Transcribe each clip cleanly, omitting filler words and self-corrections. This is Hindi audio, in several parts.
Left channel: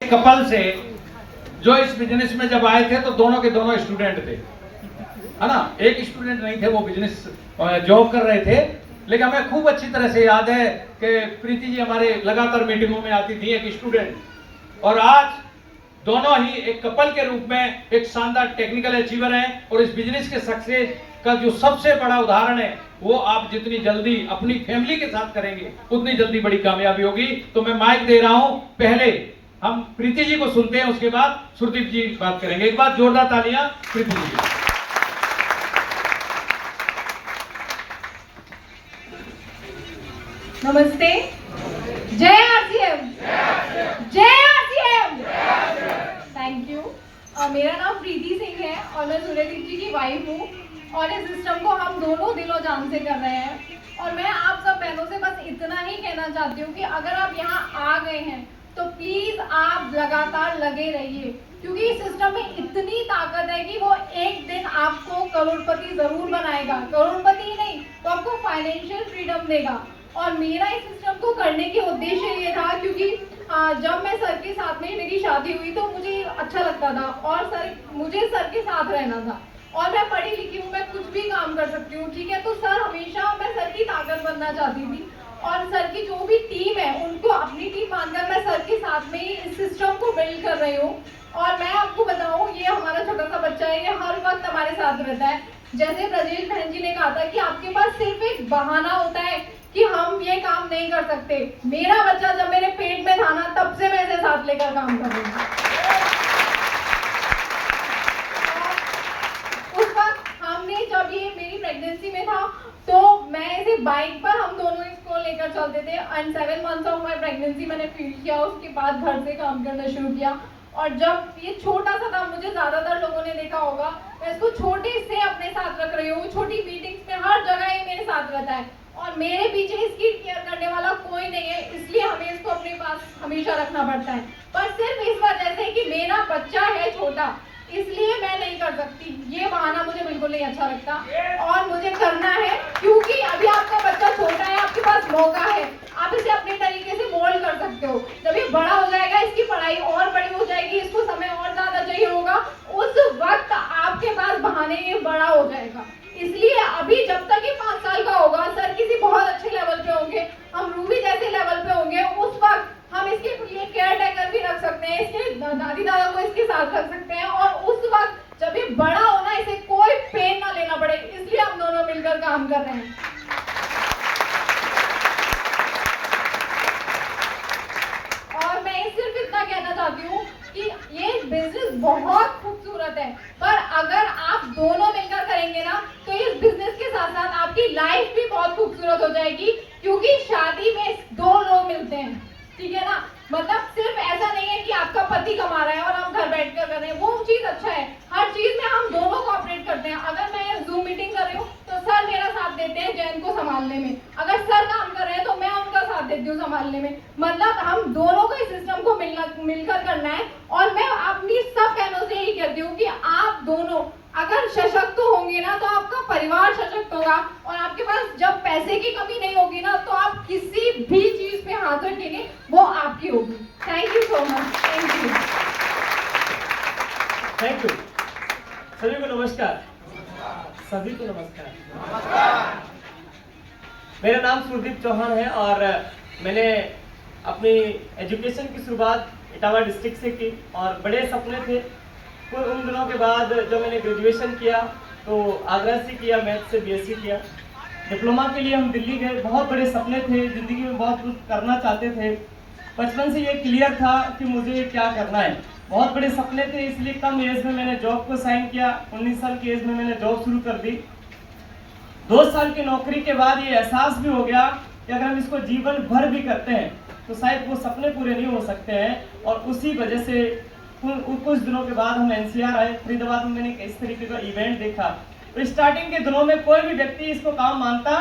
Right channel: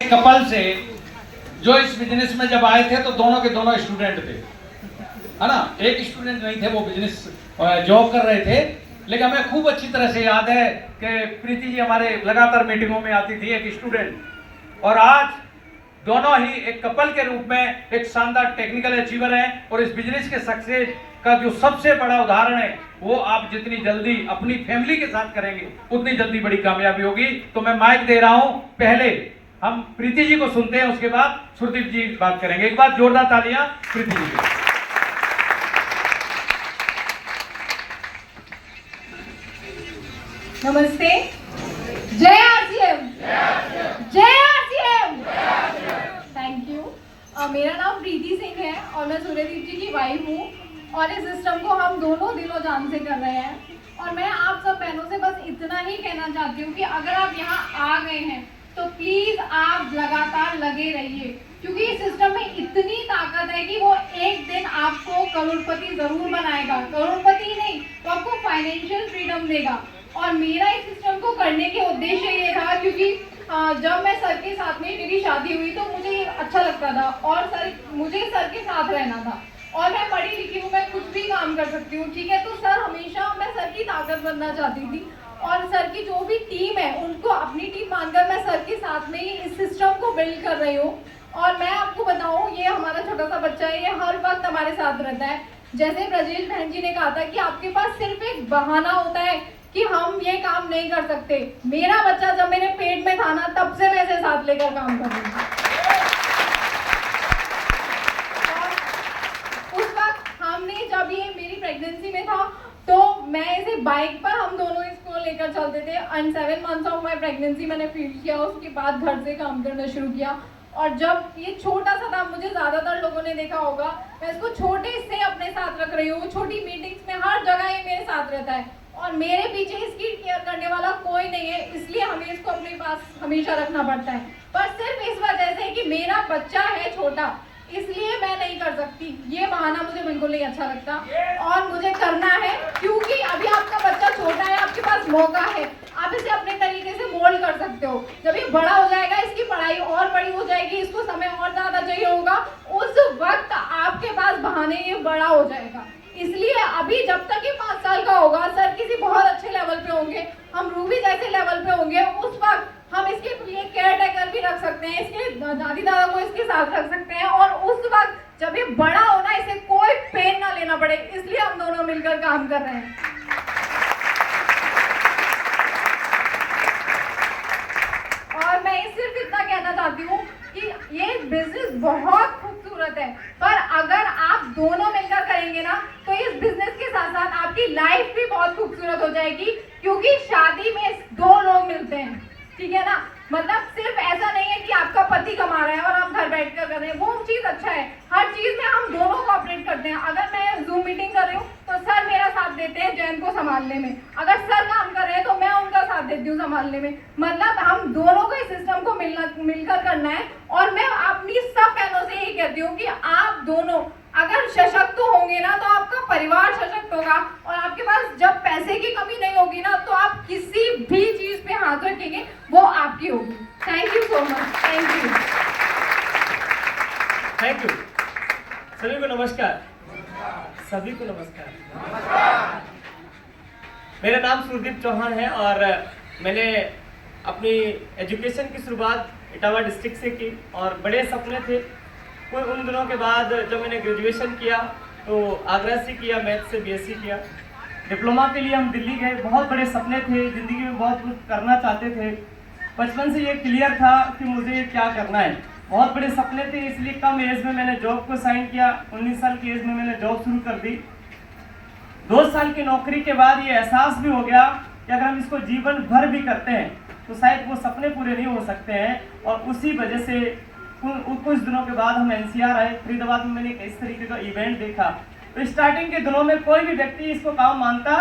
कपल से जो इस बिजनेस में जब आए थे तो दोनों के दोनों स्टूडेंट थे, है ना। एक स्टूडेंट नहीं थे, वो बिजनेस जॉब कर रहे थे। लेकिन हमें खूब अच्छी तरह से याद है कि प्रीति जी हमारे लगातार मीटिंगों में आती थी, एक स्टूडेंट। और आज दोनों ही एक कपल के रूप में एक शानदार टेक्निकल अचीवर हैं। और इस बिजनेस के सक्सेस का जो सबसे बड़ा उदाहरण है वो आप जितनी जल्दी अपनी फैमिली के साथ करेंगे उतनी जल्दी बड़ी कामयाबी होगी। तो मैं माइक दे रहा हूं, पहले हम प्रीति जी को सुनते हैं, उसके बाद सुरदीप जी बात करेंगे। एक बार जोरदार तालियां प्रीति जी की। नमस्ते। जय आरसीएम, जय आरसीएम। Thank you. मेरा नाम प्रीति सिंह है और मैं सूर्यदीप जी की वाइफ हूँ और इस सिस्टम को हम दोनों दिलो जान से कर रहे हैं। और मैं आप सब बहनों से बस इतना ही कहना चाहती हूँ कि अगर आप यहाँ आ गए हैं तो प्लीज आप लगातार लगे रहिए, क्योंकि इस सिस्टम में इतनी ताकत है कि वो एक दिन आपको करोड़पति जरूर बनाएगा। करोड़पति नहीं तो आपको फाइनेंशियल फ्रीडम देगा। और मेरा इस सिस्टम को करने के उद्देश्य ये था, क्योंकि जब मैं सर के साथ में मेरी शादी हुई तो मुझे अच्छा लगता था और मुझे सर के साथ रहना था। और मैं पढ़ी लिखी हूँ, मैं कुछ भी काम कर सकती हूँ, ठीक है। तो सर हमेशा मैं सर की ताकत बनना चाहती थी और सर की जो भी टीम है उनको अपनी टीम मानकर मैं सर के साथ में ही इस सिस्टम को बिल्ड कर रही हूँ। और मैं आपको बताऊँ, ये हमारा छोटा सा बच्चा है, ये हर वक्त हमारे साथ रहता है। जैसे ब्रजेश बहन जी ने कहा था कि आपके पास सिर्फ एक बहाना होता है कि हम ये काम नहीं कर सकते। मेरा बच्चा जब मेरे पेट में था ना, तब से मैं इसे साथ लेकर काम कर रही हूँ। उस वक्त हमने जब ये मेरी प्रेगनेंसी में था तो मैं इसे बाइक पर हम दोनों इसको लेकर चलते थे। And 7 months of my pregnancy मैंने फील किया, उसके बाद घर से काम करना शुरू किया। और जब ये छोटा सा था, मुझे ज्यादातर लोगों ने देखा होगा, मैं इसको छोटे से अपने साथ रख रही हूँ। छोटी मीटिंग्स में हर जगह ये मेरे साथ रहता है और मेरे पीछे इसकी केयर करने वाला कोई नहीं है, इसलिए हमें इसको अपने पास हमेशा रखना पड़ता है। पर सिर्फ इस वजह से कि मेरा बच्चा है छोटा, इसलिए मैं नहीं कर सकती। ये बहाना मुझे बिल्कुल नहीं अच्छा लगता और मुझे करना है, क्योंकि अभी आपका बच्चा छोटा है, आपके पास मौका है, आप इसे अपने तरीके से मोल्ड कर सकते हो। जब ये बड़ा हो जाएगा, इसकी पढ़ाई और बड़ी हो जाएगी, इसको समय और ज्यादा चाहिए होगा, उस वक्त आपके पास बहाने ये बड़ा हो जाएगा। इसलिए अभी जब तक ये 5 साल का होगा, सर किसी बहुत अच्छे लेवल पे होंगे, हम रूबी जैसे लेवल पे होंगे, उस वक्त हम इसके लिए केयर टेकर भी रख सकते हैं, इसके दादी दादा को इसके साथ रख सकते हैं। और उस वक्त जब ये बड़ा होना, इसे कोई पेन ना लेना पड़े, इसलिए हम दोनों मिलकर काम कर रहे हैं। और मैं सिर्फ इतना कहना चाहती हूँ कि ये बिजनेस बहुत खूबसूरत है, पर अगर आप दोनों मिलकर करेंगे ना तो इस बिजनेस के साथ साथ आपकी लाइफ भी बहुत खूबसूरत हो जाएगी। क्योंकि शादी में 2 लोग मिलते हैं, ठीक है ना। मतलब सिर्फ ऐसा नहीं है कि आपका पति कमा रहा है और आप घर बैठकर कर रहे हैं, वो चीज अच्छा है। हर चीज में हम दोनों कोऑपरेट करते हैं। अगर मैं जूम मीटिंग कर रही हूँ तो सर मेरा साथ देते हैं जैन को संभालने में, अगर सर काम कर रहे हैं तो मैं उनका साथ देती हूँ संभालने में। मतलब हम दोनों को इस सिस्टम को मिलकर करना है। और मैं अपनी सब बहनों से यही कहती हूँ कि आप दोनों अगर सशक्त होंगे ना तो आपका परिवार सशक्त होगा और आपके पास जब पैसे की कमी नहीं होगी ना तो आप किसी भी चीज पे हाथ रखेंगे वो आपकी होगी। Thank you so much. Thank you. Thank you. सभी को नमस्कार। सभी को नमस्कार। मेरा नाम सुरदीप चौहान है और मैंने अपनी एजुकेशन की शुरुआत इटावा डिस्ट्रिक्ट से की और बड़े सपने थे। फिर उन दिनों के बाद जब मैंने ग्रेजुएशन किया तो आगरा से किया, मैथ से बीएससी किया। डिप्लोमा के लिए हम दिल्ली गए, बहुत बड़े सपने थे, ज़िंदगी में बहुत कुछ करना चाहते थे। बचपन से ये क्लियर था कि मुझे क्या करना है, बहुत बड़े सपने थे, इसलिए कम एज में मैंने जॉब को साइन किया। 19 साल की एज में मैंने जॉब शुरू कर दी। 2 साल की नौकरी के बाद ये एहसास भी हो गया कि अगर हम इसको जीवन भर भी करते हैं तो शायद वो सपने पूरे नहीं हो सकते हैं। और उसी वजह से कुछ दिनों के बाद हम एनसीआर आए। फरीदाबाद में मैंने इस तरीके का इवेंट देखा। तो स्टार्टिंग के दिनों में कोई भी व्यक्ति इसको काम मानता,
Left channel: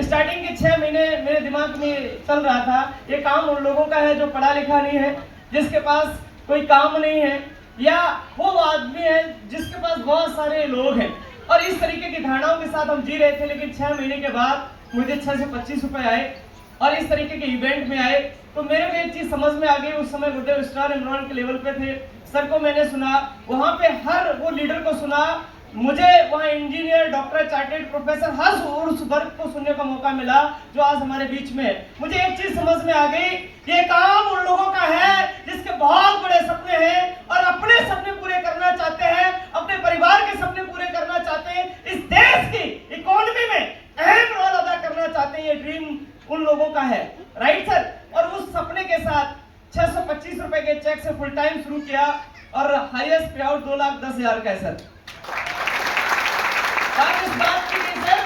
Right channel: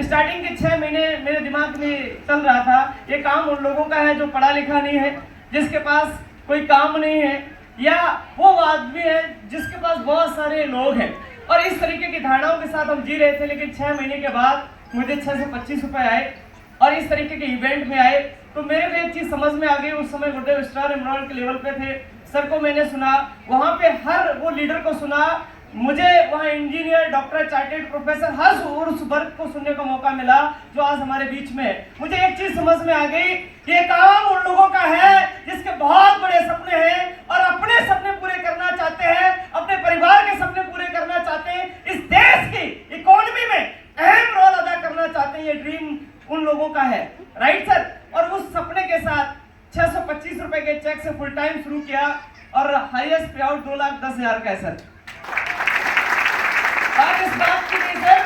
स्टार्टिंग के 6 महीने मेरे दिमाग में चल रहा था ये काम उन लोगों का है जो पढ़ा लिखा नहीं है, जिसके पास कोई काम नहीं है, या वो आदमी है जिसके पास बहुत सारे लोग हैं। और इस तरीके की धारणाओं के साथ हम जी रहे थे। लेकिन 6 महीने के बाद मुझे 6 से 25 रुपए आए और इस तरीके के इवेंट में आए तो मेरे को एक चीज समझ में आ गई। उस समय गुरुदेव स्टार इमरान के लेवल पे थे, सर को मैंने सुना, वहां पे हर वो लीडर को सुना, मुझे वहाँ इंजीनियर, डॉक्टर, चार्टेड प्रोफेसर, हर उस वर्ग को सुनने का मौका मिला जो आज हमारे बीच में है। मुझे एक चीज समझ में आ गई, ये काम उन लोगों का है जिसके बहुत बड़े सपने हैं और अपने सपने पूरे करना चाहते हैं, अपने परिवार के सपने पूरे करना चाहते हैं, इस देश की इकोनॉमी में अहम रोल अदा करना चाहते हैं। ये ड्रीम उन लोगों का है, राइट सर? और उस सपने के साथ 625 रुपए के चेक से फुल टाइम शुरू किया और हाईएस्ट पे आउट 2,10,000 का है सर। आप इस बात की नहीं सर,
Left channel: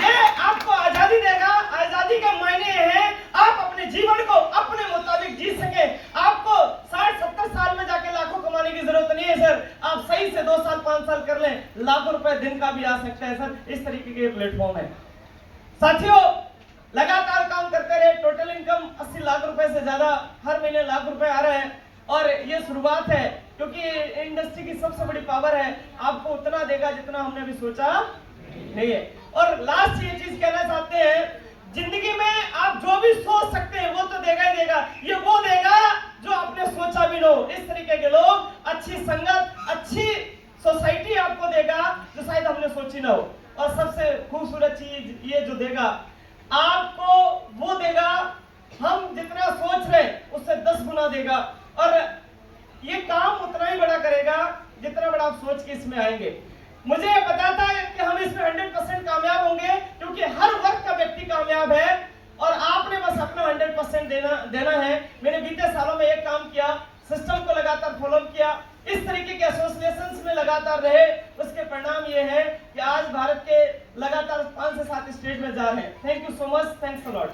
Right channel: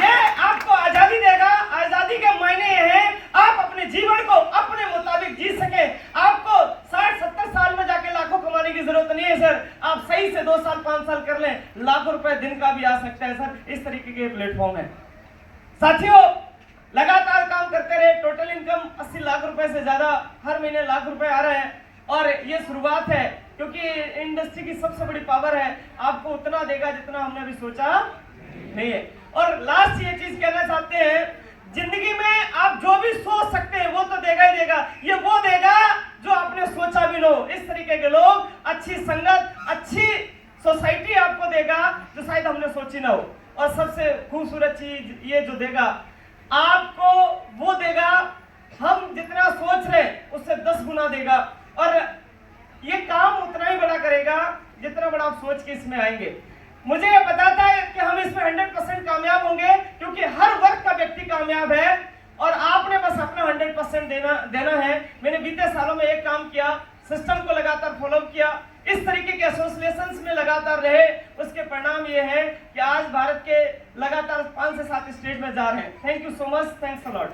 ये आपको आजादी देगा। आजादी के मायने हैं आप अपने जीवन को अपने मुताबिक जी सके। आपको 60-70 साल में जाके लाखों कमाने की जरूरत नहीं है सर। आप सही से 2 साल 5 साल कर लें, लाखों रुपए दिन का भी आ सकता है सर। इस तरीके के प्लेटफॉर्म है साथियों। लगातार काम करते रहे, टोटल इनकम 80 लाख रुपए से ज्यादा हर महीने लाख रुपए आ रहे हैं। और ये शुरुआत है, क्योंकि इंडस्ट्री की सबसे बड़ी पावर है, आपको उतना देगा जितना हमने अभी सोचा नहीं है। और लास्ट ये चीज कहना चाहते हैं, जिंदगी में आप जो भी सोच सकते हैं वो तो देगा ही देगा। ये वो देगा जो आपने सोचा भी ना हो। इस तरीके के लोग, अच्छी संगत, अच्छी सोसाइटी आपको देगा जो शायद हमने सोची ना हो। और सबसे खूबसूरत चीज ये जो देगा आपको, वो देगा हम जितना सोच रहे उससे 10 गुना देगा। और ये काम उतना ही बड़ा करेगा जितना बड़ा आप सोच के इसमें आएंगे। मुझे पता था कि हम इसमें 100% कामयाब होंगे, क्योंकि हर वर्ग का व्यक्ति कामयाब है और आपने बस अपना 100% देना है। मैंने बीते सालों में एक काम किया, सिस्टम को लगातार फॉलो किया, इस तरीके के एसोसिएशंस में लगातार रहे। उसके परिणाम ये है कि आज भारत के लगातार 5 से 7 स्टेट में जा रहे हैं। Thank you so much, thanks a lot.